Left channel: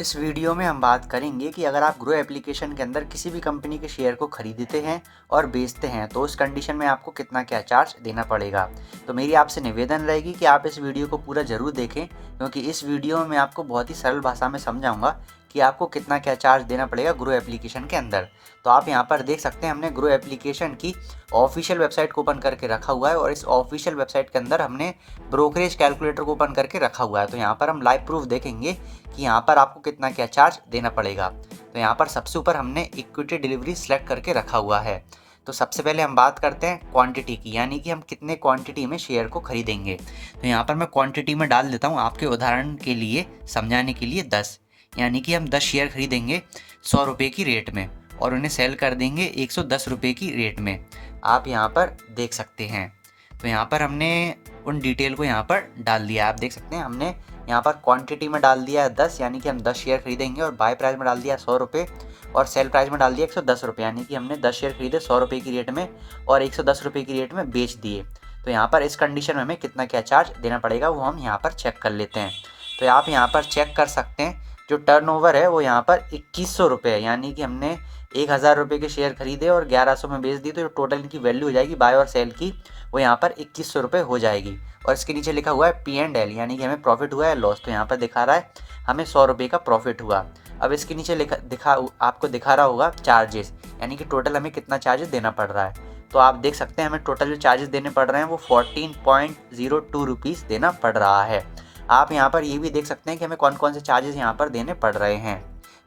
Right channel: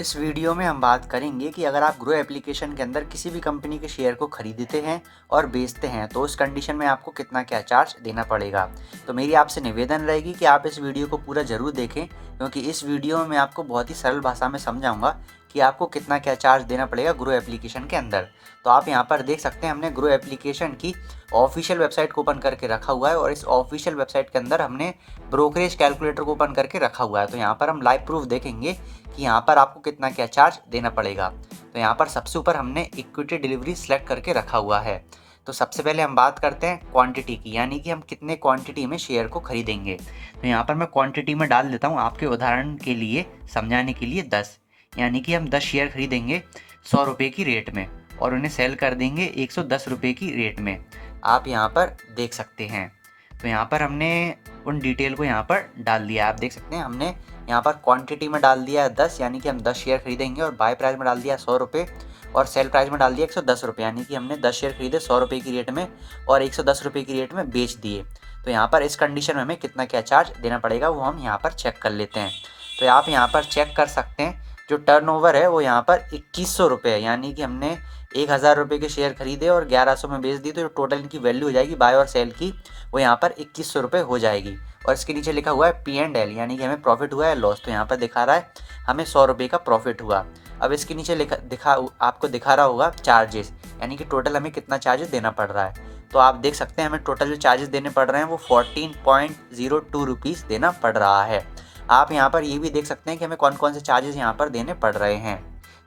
इस वीडियो में हम बात करेंगे कि अगर आप ग्रो एप्लीकेशन के अंदर किसी भी कंपनी के शेयर को खरीदते हैं और बेचते हैं तो उस कंडीशन में आपको कितना क्या चार्ज देना पड़ेगा। तो मेरी आपसे निवेदन रहेगी कि आप इस वीडियो को पूरा ज़रूर देखें, क्योंकि इस वीडियो में मैं आपको बहुत ही सरल भाषा में समझाऊंगा कि आपको कितना क्या चार्ज देना पड़ेगा ग्रो एप्लीकेशन के अंदर। तो आप यहाँ पर देख सकते हैं हमने ग्रो एप्लीकेशन की ऑफिशियल वेबसाइट को ओपन करके रखा हुआ है और इस ऑफिशियल वेबसाइट के अंदर हमने ब्रोकरेज कैलकुलेटर को ओपन करके रखा हुआ है। तो यहाँ पर हम लाइव प्रूफ देखेंगे कि यहाँ पर आपको कितना क्या चार्ज देना पड़ेगा। तो यहाँ पर सबसे ऊपर हमने इक्विटी डिलीवरी सेलेक्ट करके रखा हुआ है। तो सबसे पहले हम बात करते हैं क्वांटिटी की, यानी कि हम कितने क्वांटिटी में शेयर को खरीदेंगे। तो यहाँ पर मैं क्वांटिटी में डाल देता हूँ आपके उदाहरण के लिए, समझाने के लिए 10, यानी कि हम 10 शेयर खरीदेंगे 100 रुपये की रेट में और उन्हें सेल कर देंगे 110 रुपये की रेट में। आप यहाँ पर देख सकते हैं। तो यहाँ पर हमने उन डिटेल को यहाँ पर डाल दिया। आप देख सकते हैं हमने यहाँ पर क्वांटिटी में डाल दिया 10, यानी कि हम 10 शेयर खरीदेंगे, और बाय प्राइस में डाल दिया 100 रुपये और सेल प्राइस में डाल दिया 110 रुपये, यानी कि हमने 10 शेयर खरीदे 100 रुपये की रेट में और 110 रुपये की रेट में बेच दिए। तो यहाँ पर इस कंडीशन में हमें कितना क्या चार्ज देना पड़ेगा वो हम यहाँ पर चेक कर लेते हैं। तो आप यहाँ पर चेक कर सकते हैं जो टर्नओवर है वो यहाँ पर 2100 रुपये है, यानी कि हमने 1000 रुपये के शेयर खरीदे और 1100 में बेच दी, तो जो टोटल इनकी वैल्यू हो जाएगी बाय और सेल की वो यहाँ पर 2100 रुपये हो जाएगी। और इसके नीचे लिखा हुआ है P&L, यानी कि हमें प्रॉफिट हुआ है लॉस। तो यहाँ पर दिखा रहा है हमें 100 रुपये का प्रॉफिट हुआ। अब इसके नीचे आपको दिखा रहा होगा चार्जेस, यानी कि टोटल हमें कितना चार्जेस देना पड़ रहा है। तो आप देख सकते हैं हमें टोटल जो चार्जेस देने पड़ रहे हैं वो 14.02 रुपीज़ देना पड़ रहा है। आप यहाँ पर ये भी देख सकते हैं कि हमें कौन कौन से चार्जेस यहाँ पर देने पड़ रहे हैं।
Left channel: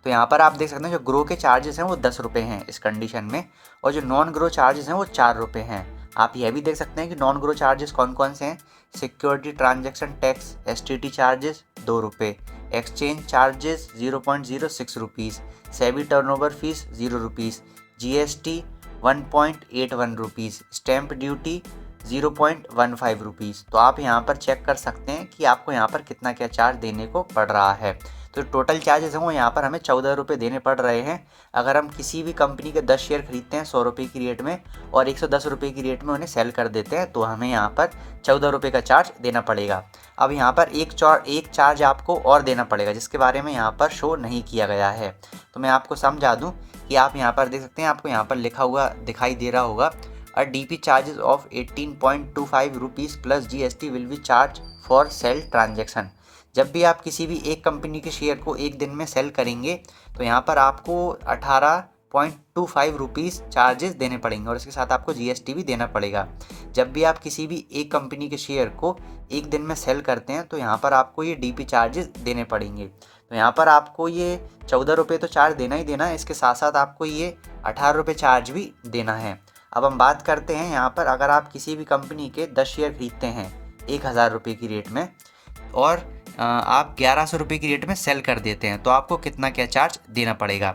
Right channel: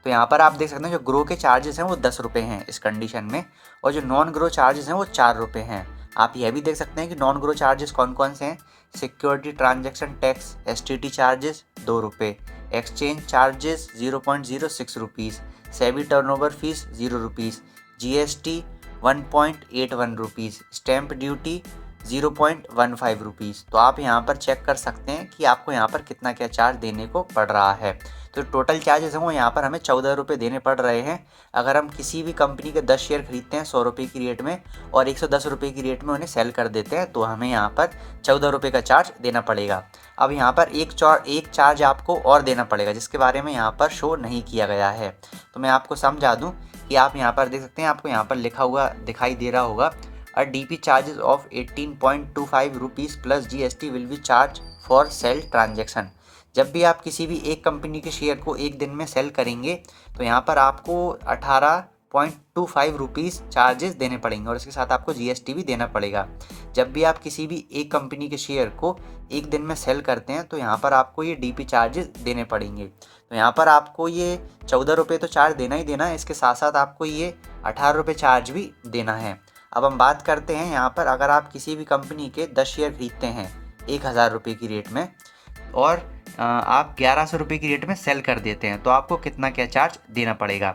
तो यहाँ पर आप देख सकते हैं जो ग्रो के चार्जेस हैं वो 10 रुपये हैं इस कंडीशन में, और जो नॉन ग्रो चार्जेस हैं वो 4 रुपये हैं। आप यह भी देख सकते हैं कि नॉन ग्रो चार्जेस कौन कौन से हैं। Security transaction tax STT charges 2 रुपये, exchange charges 0.06 rupees, SEBI turnover fees 0 rupees, GST 1.81 rupees, stamp duty 0.15 rupees. तो आप यहाँ पर चेक कर सकते हैं कि आपको यहाँ पर कितना क्या चार्ज देने को पड़ रहा है। तो टोटल चार्जेस हैं वो यहाँ पर हमें 14 रुपये देने पड़ रहे हैं। अगर हम किसी भी कंपनी के 10 शेयर खरीदते हैं 100 रुपये की रेट में और 110 रुपये की रेट में उन्हें सेल कर देते हैं तो हमें यहाँ पर 14 रुपये का चार्ज देना पड़ेगा। अब यहाँ पर एक चार्ज आपको और देना पड़ेगा जिसके बारे में यहाँ पर शो नहीं किया गया है। तो मैं आपको समझा दूँ कि आप यहाँ पर देख सकते हैं, आपको यहाँ पर लिखा हुआ दिखाई दे रहा होगा DP charges of 18.25 rupees plus GST will be charge for sale transaction. जब भी आप किसी भी एक कंपनी के शेयर को एक दिन में सेल करेंगे तो यहाँ पर आपको 18.25 रुपीज़ चार्जेस देने पड़ेंगे और इसके साथ आपको GST भी देना पड़ेगा। जब भी आप किसी भी एक कंपनी के शेयर को एक दिन में सेल करते हैं तो यहाँ पर आपको ये DP चार्जेस देने पड़ेंगे। तो यहाँ पर आपको ये 14 रुपये तो चार्ज देना ही देना है, इसके साथ साथ आपको ये 18 रुपये चार्ज भी देना है। अब हम बात करते हैं यहाँ पर, अगर आप किसी भी कंपनी के 10 शेयर खरीदते हैं 1000 रुपये की रेट में और आप 1100 रुपये की रेट में सेल कर देते हैं तो आपको कितना क्या चार्ज देना पड़ेगा।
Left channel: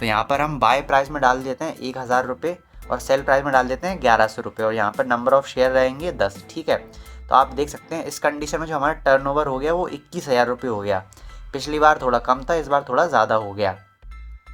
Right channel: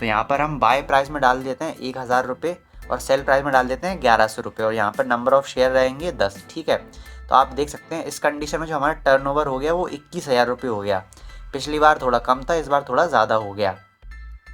तो यहाँ पर हम बाय प्राइस में डाल देते हैं 1000 रुपये और सेल प्राइस में डाल देते हैं 1100 रुपये और यहाँ पर नंबर ऑफ़ शेयर रहेंगे 10। ठीक है, तो आप देख सकते हैं इस कंडीशन में जो हमारा टर्नओवर हो गया वो 21,000 रुपये हो गया। पिछली बार थोड़ा कम था, इस बार थोड़ा ज़्यादा हो गया।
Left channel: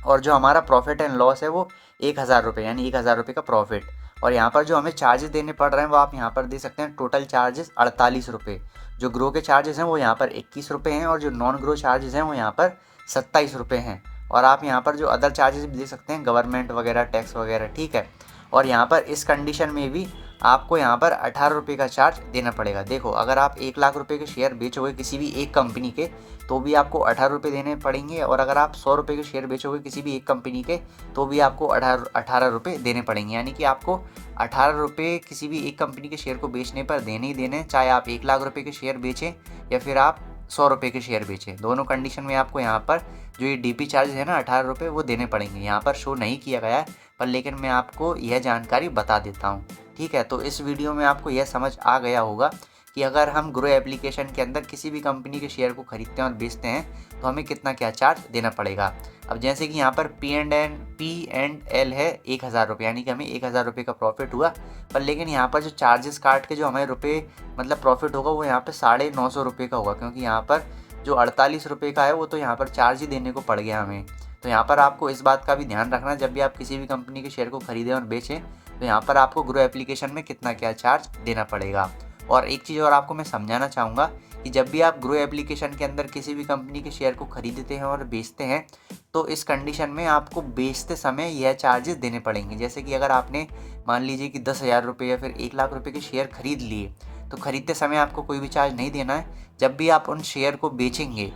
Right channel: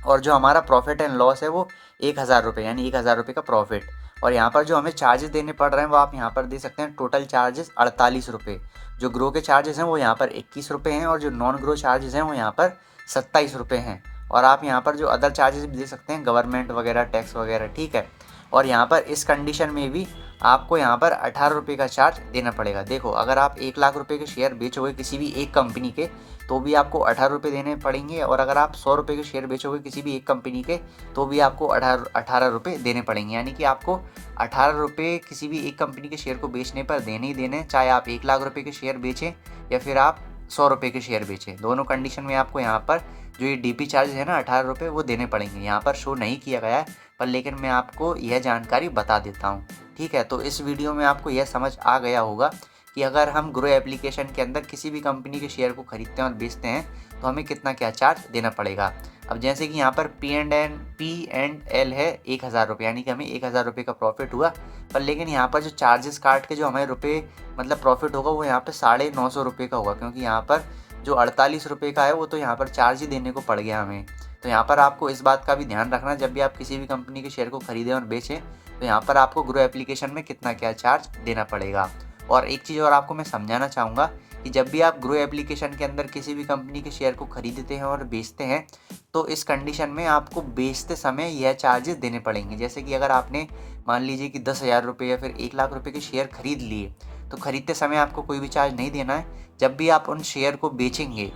और जो हमारा प्रॉफिट एंड लॉस है वो 1000 रुपये, यानी 1000 रुपये का प्रॉफिट। और यहाँ पर जो हमें चार्जेस देने पड़ रहे हैं वो आप यहाँ पर देख सकते हैं, टोटल चार्जेस 48 रुपये। जो ग्रो के चार्जेस हैं वो यहाँ पर 21 रुपये हैं और जो नॉन ग्रो चार्जेस हैं वो यहाँ पर 27 रुपये हैं। और आप यहाँ पर जो अदर चार्जेस भी दे सकते हैं, गवर्नमेंट वगैरह, टैक्स वगैरह। ठीक है, और यहाँ पर इस कंडीशन में भी आपको यहाँ पर 18 रुपये का चार्ज देना पड़ेगा। देखो, अगर आप 1 लाख रुपये के शेयर बेचोगे किसी भी एक कंपनी के तो भी आपको 18 रुपये देने पड़ेंगे, और अगर आप 100 रुपये के शेयर बेचोगे किसी भी एक कंपनी के तो भी आपको 18 रुपये देने पड़ेंगे। यानी कि आपको 18 रुपये किसी भी एक कंपनी के शेयर को बेचने पर देने ही देने, चाहे आप 1 लाख रुपये के शेयर बेचें या फिर आप 100 रुपये के शेयर बेचें। दोनों कंडीशन में आपको यहाँ पर जो ये DP चार्ज है ना 18 रुपये वो देने पड़ेंगे। यहाँ पर शो नहीं किया गया है पर लेकिन मैं आपको यह जानकारी बता देता हूँ। ठीक है, तो इस वीडियो में आपको यह समझ आ गया होगा कि अगर हम ग्रो एप्लीकेशन के अंदर किसी भी कंपनी के शेयर को खरीदते हैं और बेचते हैं तो हमें कितना क्या चार्ज देना पड़ेगा। अब जैसे कि यहाँ पर P&L है 1000 रुपये, यानी कि हमें 1000 रुपये का प्रॉफिट हुआ, पर लेकिन यहाँ पर जो चार्जेस काट के जो हमें रुपये मतलब प्रॉफिट होगा वो यहाँ पर 950 रुपये का होगा, क्योंकि यहाँ पर जो 48 रुपये का है वो तो यहाँ पर चार्ज ही देने को पड़ गया हमें। तो यहाँ पर आपको इस बात का भी ध्यान रखना, जब भी आप किसी भी कंपनी के शेयर को खरीदें और बेचें तो यहाँ पर आपको ग्रो एप्लीकेशन में कितना क्या चार्ज देना पड़ेगा। और एक चीज़ और आपको मैं समझाना चाहूँगा कि जब भी आप ग्रो एप्लीकेशन के अंदर किसी भी कंपनी के शेयर को खरीदते हैं और बेचते हैं तो इस कंडीशन में आपको बेचते समय यह चार्जेस देने पड़ेंगे। जैसे कि अगर आपने मान लीजिए कि 10,000 रुपये या फिर 1,00,000 रुपये के शेयर खरीद लिए, तो खरीदते समय आपको कोई भी चार्ज नहीं देना है। जब भी आप उन शेयर को बेचेंगे,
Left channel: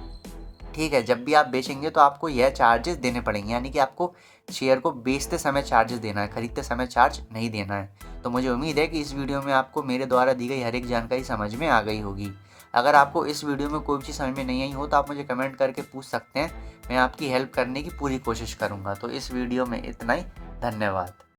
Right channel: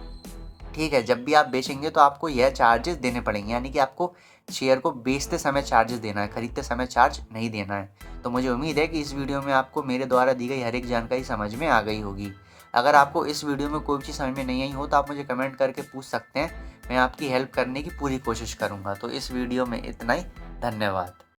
ठीक है, जब भी आप बेचेंगे तो आपको यह चार्जेस देने पड़ेंगे, यानी कि आपको शेयर को बेचते समय चार्जेस देना है, खरीदते समय चार्ज नहीं देना है। तो मुझे उम्मीद है कि इस वीडियो में आपको मेरे द्वारा दी गई हर एक जानकारी समझ में आ गई होगी। अगर आपको इस वीडियो में कोई चीज़ समझ में नहीं आई हो तो आप मुझे कमेंट करके पूछ सकते हैं, मैं आपकी हेल्प करने की पूरी कोशिश करूँगा। तो इस वीडियो में इतना ही, धन्यवाद।